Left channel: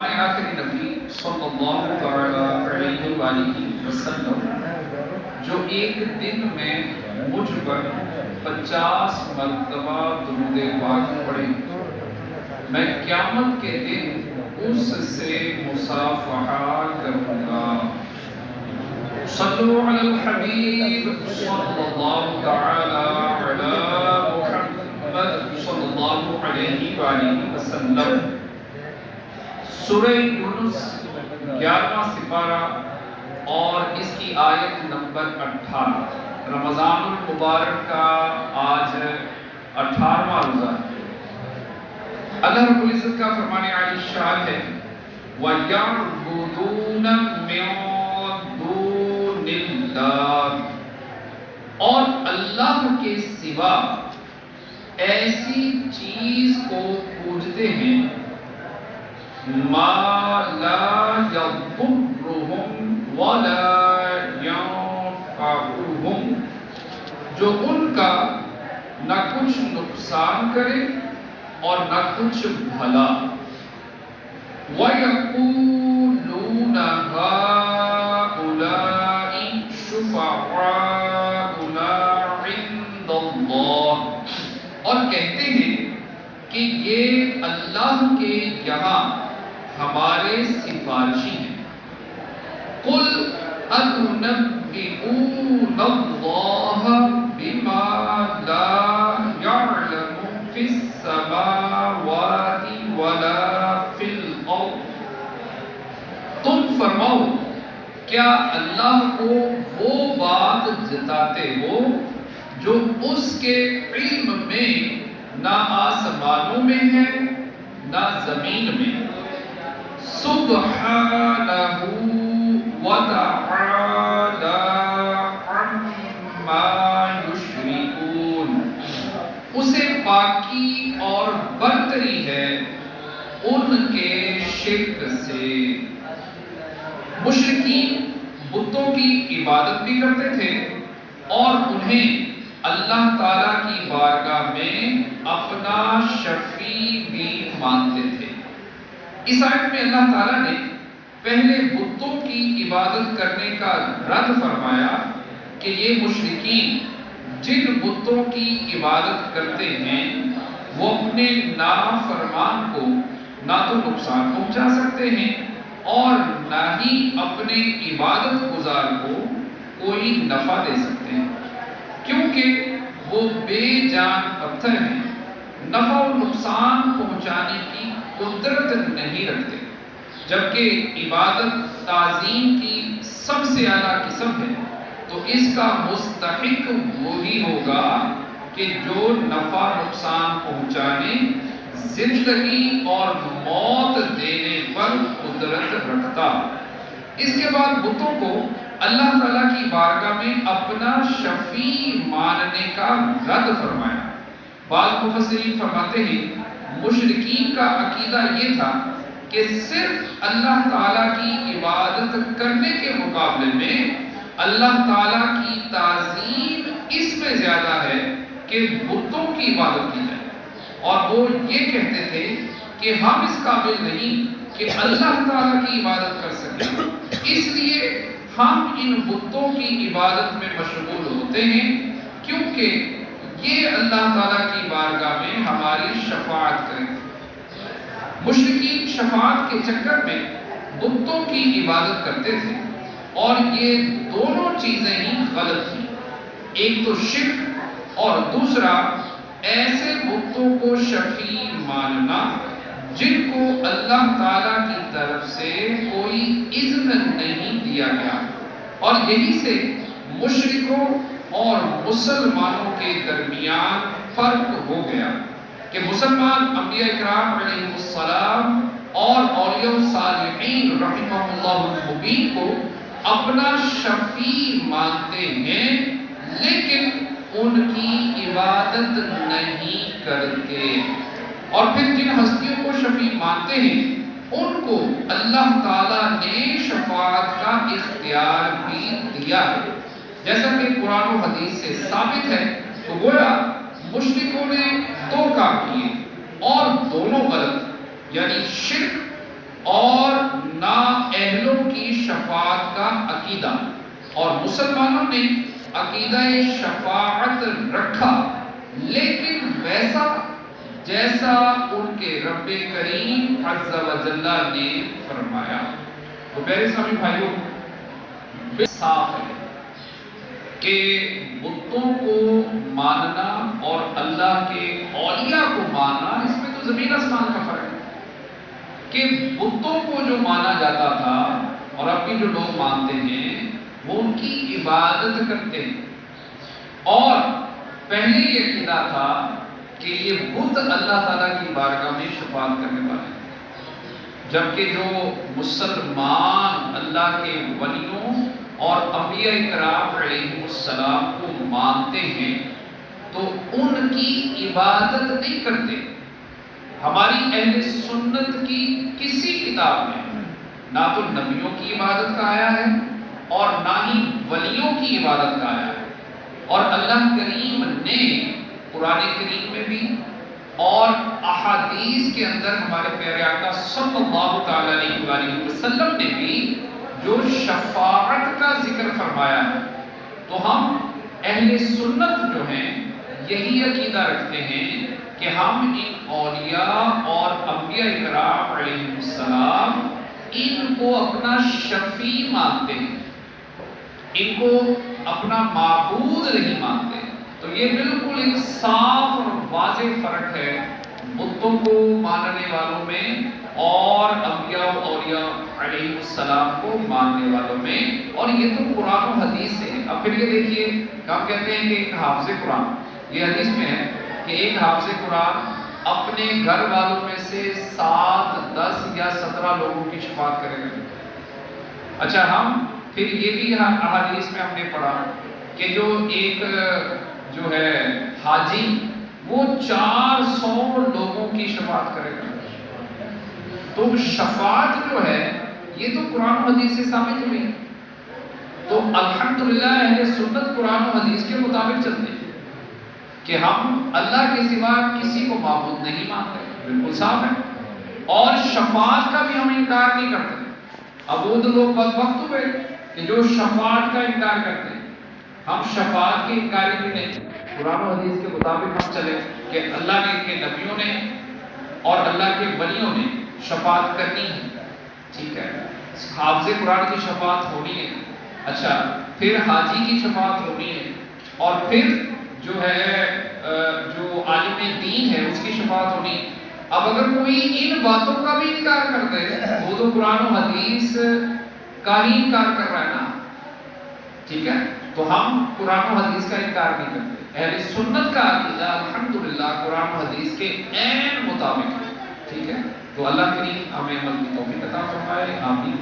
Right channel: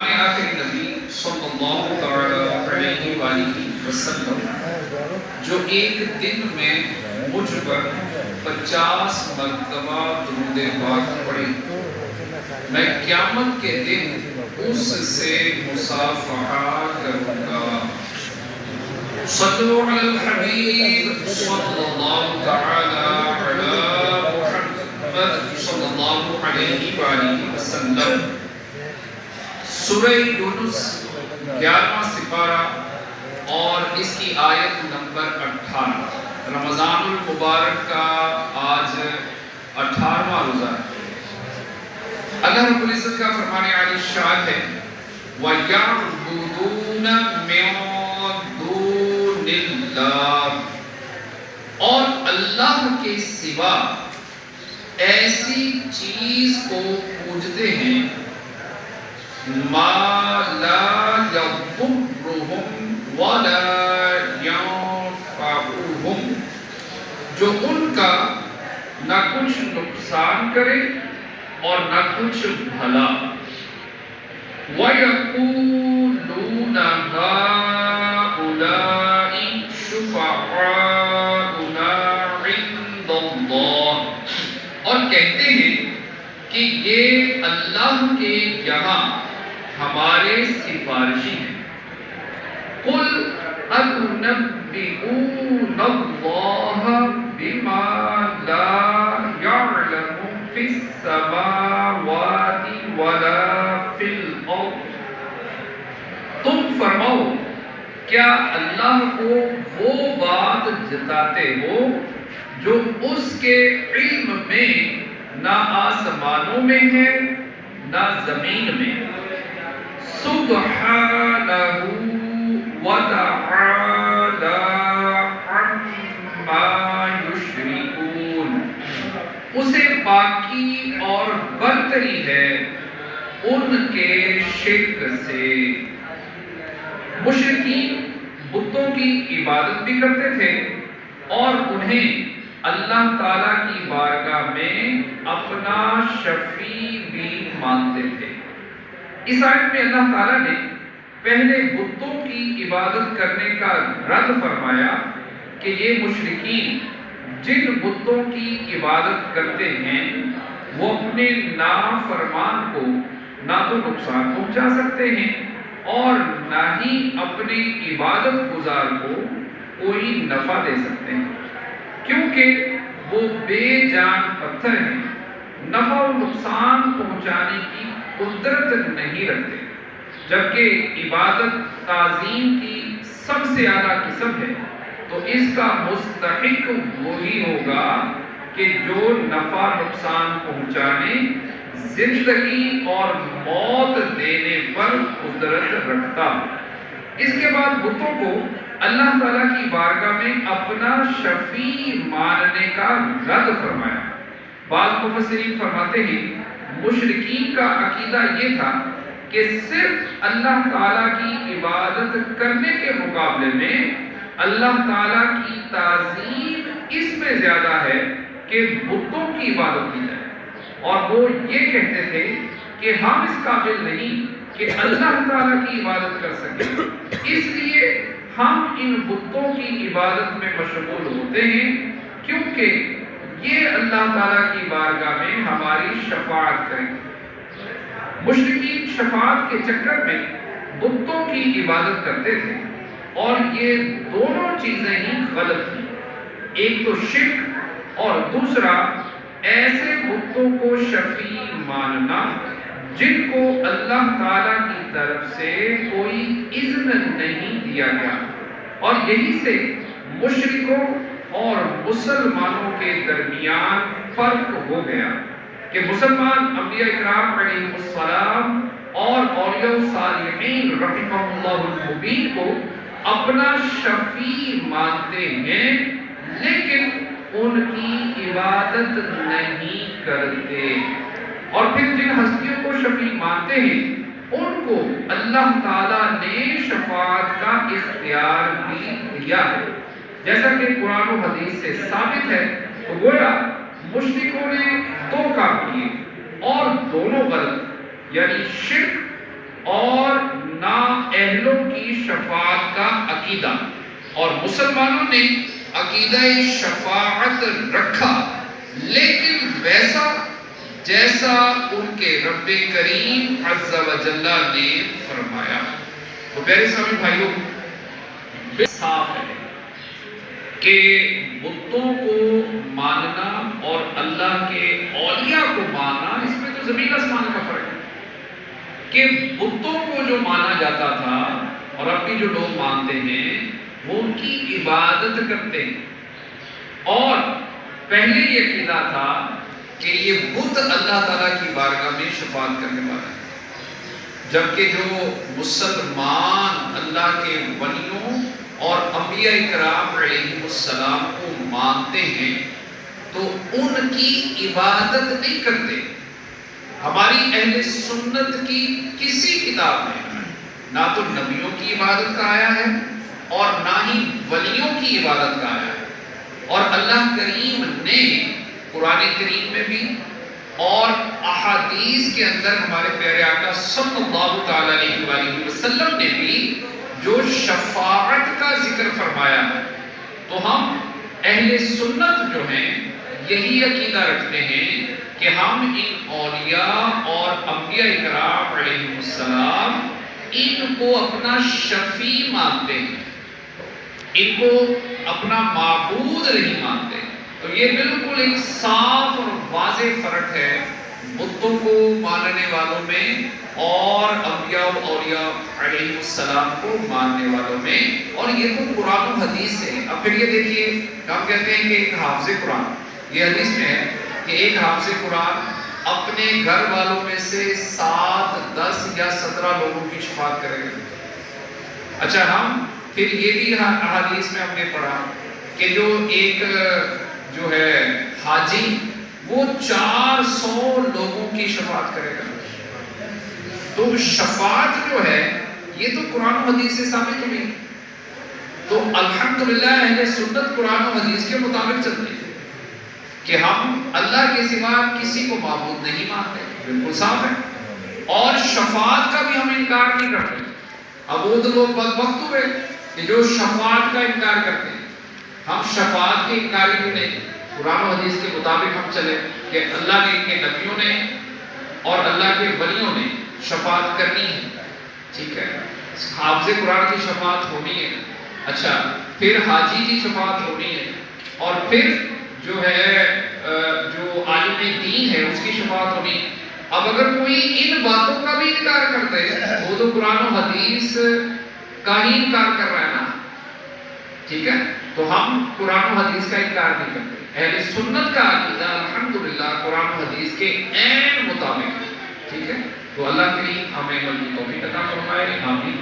آخر نبی صلی اللہ تعالی علیہ وآلہ وسلم جو ایک دن میں مجھ پر 50 مرتبہ درود پاک پڑھے، میں قیامت کے دن اس سے مصافحہ کروں گا۔ صلو علی الحبیب صلی اللہ تعالی علی محمد صلی اللہ علیہ وآلہ وسلم۔ سورہ یونس 11واں سپارہ اور اس کی آیت نمبر 18۔ رمضان المبارک کا آج 18واں روزہ ہے۔ اللہ رب العزت کا فرمان عالی شان ہے وَيَعْبُدُونَ مِن دُونِ اللَّهِ، اور اللہ کے سوا ایسی چیز کو پوجتے ہیں ما لا يضرهم ولا ينفعهم، جو ان کا نہ کچھ نقصان کرے اور نہ کچھ بھلا۔ وَيَقُولُونَ هَؤُلَاءِ شُفَعَاؤُنَا عِندَ اللَّهِ، اور کہتے ہیں کہ یہ اللہ کے یہاں ہمارے سفارشی ہیں۔ قُلْ أَتُنَبِّئُونَ اللَّهَ بِمَا لَا يَعْلَمُ فِي السَّمَاوَاتِ وَلَا فِي الْأَرْضِ، تم فرماؤ کیا اللہ کو وہ بات جتاتے ہو جو اس کے علم میں نہ آسمانوں میں ہے نہ زمین میں۔ سبحانہ وتعالی عما یشرکون، اسے پاکی اور برتری ہے ان کے شرک سے۔ مشرکین بتوں کی عبادت بھی کرتے تھے اور انہیں اللہ تعالیٰ کی بارگاہ میں اپنا شفیع بھی مانتے تھے۔ اس آیت میں اللہ تعالیٰ نے پہلے بتوں کی عبادت کرنے کا رد فرمایا کہ یہ مشرکین جن بتوں کی عبادت کرتے ہیں وہ اپنے نافرمان کو نہ تو نقصان پہنچا سکتے ہیں اور نہ ہی اپنے عبادت گزار کو کوئی نفع دے سکتے ہیں، کیونکہ وہ بے جان پتھر ہیں، نفع و نقصان پہنچانے کی قدرت نہیں رکھتے، جبکہ عبادت تعظیم کی سب سے اعلیٰ قسم ہے، تو اس کا مستحق وہی ہوگا کہ جو نفع نقصان پہنچانے، زندگی اور موت دینے پر قدرت رکھتا۔ اس کے بعد بتوں کو اللہ تعالیٰ کی بارگاہ میں اپنا شفیع ماننے کا رد فرمایا۔ بعض مفسرین فرماتے ہیں مشرکین کا عقیدہ یہ تھا کہ صرف اللہ تعالیٰ کی عبادت کرنے کے مقابلے میں اللہ تعالیٰ کی تعظیم اس میں زیادہ ہے کہ بتوں کی عبادت کی جائے، اور وہ یہ کہتے تھے کہ ہم اس قابل نہیں کہ اللہ تعالیٰ کی عبادت کر سکیں، اس لیے ہم ان بتوں کی عبادت میں مشغول ہوتے ہیں کیونکہ یہ اللہ تعالیٰ کی بارگاہ میں ہماری شفاعت کریں۔ مشرکین شفاعت کے چکر میں بتوں کی عبادت کرتے تھے، اور یہ دونوں چیزیں ہی غلط تھیں، ایک تو شرک اور دوسرا ایسے بتوں کو شفیع ماننا جن کو اللہ تعالیٰ کی طرف سے کوئی اذن نہیں دیا گیا۔ اور یہی سے مشرکوں اور مسلمانوں کے درمیان فرق ہو گیا کہ مسلمان انبیاء اکرام علیہ السلام اور اولیاء صالحین رحمہ اللہ المبین کو اپنا شفیع مانتے ہیں لیکن ان کی عبادت نہیں کرتے، اور پھر جن ہستیوں کو شفیع مانتے ہیں ان کو اللہ تعالیٰ نے شفاعت کا اختیار بھی دیا ہے، جیسا کہ قرآن و حدیث سے ثابت ہے۔ تو گویا مشرکوں نے دو کام کیے اور دونوں غلط، یعنی شرک اور پہلوں کی شفاعت کا عقیدہ، اور مسلمانوں نے عقیدہ شفاعت رکھا، لیکن ویسا جیسا ان کے رب کریم عز و جل نے فرمایا۔ تو پیارے اسلامی بھائیوں، صاف ہے کہ بتوں کو ماننا اور اللہ کے اولیاء کو ماننا، اس میں تو زمین آسمان کا فرق ہے۔ کہ بتوں کو جو مانا جاتا تھا اور اب بھی جو لوگ مانتے ہیں وہ ان کی عبادت کرتے ہیں، اور پہلے یہ عقیدہ تھا کہ یہ بت اللہ تعالیٰ کی بارگاہ میں شفاعت کرنے والے ہیں، جبکہ جو مسلمان اللہ کے ولیوں اور انبیاء کرام علیہ السلام کو مانتے ہیں تو ان کی عبادت نہیں کرتے۔ ہماری اہل سنت کی کسی کتاب میں نہ تو نبیوں کی عبادت کا آیا ہے اور نہ ہی ولیوں کی عبادت کا آیا ہے، اور اللہ کریم نے قرآن کریم میں بھی اور احادیث کے اندر ہمارے پیارے آقا صلی اللہ تعالی علیہ وآلہ وسلم نے بھی جو شفاعت کا ذکر فرمایا ہے، تو ہم اہل سنت جو ہیں یہی عقیدہ رکھتے ہیں کہ ہم ان اولیاء اور انبیاء کرام علیہ السلام ان کو اپنا شفیع مانتے ہیں، ان کو اپنا معبود نہیں مانتے۔ تو یہ بالکل ایک صاف اور واضح فرق ہے بتوں کو ماننے والوں میں اور انبیاء و اولیاء علیہ السلام کو ماننے والوں میں، اور یہ تو قرآن و حدیث سے ہے۔ اب پھر یہ دیکھیے کہ ہم کہتے ہیں کہ ایک حافظ قرآن، یہ حدیث میں ہے کہ ایک حافظ قرآن اپنے گھر والوں میں سے 7، 10 یا 17 لوگوں کی شفاعت کرے گا۔ اچھا، ہم پھر یہ بھی احادیث میں ہم نے پڑھا کہ جو ایک جو ہے حاجی وہ 400 لوگوں کی شفاعت کرے گا۔ تو شفاعت جو ہے یہ تو قرآن و حدیث سے ثابت ہوئی، تو الحمدللہ اہل سنت قرآن و حدیث کے مطابق چلتے ہیں کہ ہم اللہ کے سوا کسی کو معبود نہیں مانتے، بالکل صاف ہے، اور شفاعت کا بھی ہم انکار نہیں کرتے۔ اب وہ تو لوگ بدبخت ہوئے کہ جو شفاعت کا انکار کرتے ہیں، ہم شفاعت کے انکاری بھی نہیں، قرآن و حدیث کے مطابق ہم چلے کہ اللہ کے نبیوں نے اور اللہ کے ولیوں نے شفاعت کرنی ہے، ٹھیک ہے، حافظ قرآن کی شفاعت ہونی ہے، اچھا پھر حاجی کی شفاعت ہونی ہے، اور پھر جو ہے جو عالم دین ہے اس کی شفاعت ہونی ہے۔ اب اگر کوئی ان باتوں کا بھی انکار کر دے وہ تو قرآن و حدیث کا ہی انکار کر رہا ہے نا، ٹھیک ہے، تو ہم قرآن و حدیث کا انکار نہیں کرتے۔ اہل سنت کا عقیدہ الحمدللہ قرآن و حدیث کے عین مطابق ہے، ٹھیک ہے، تو اللہ کریم ہمیں عمل کی توفیق عطا فرمائے، آمین۔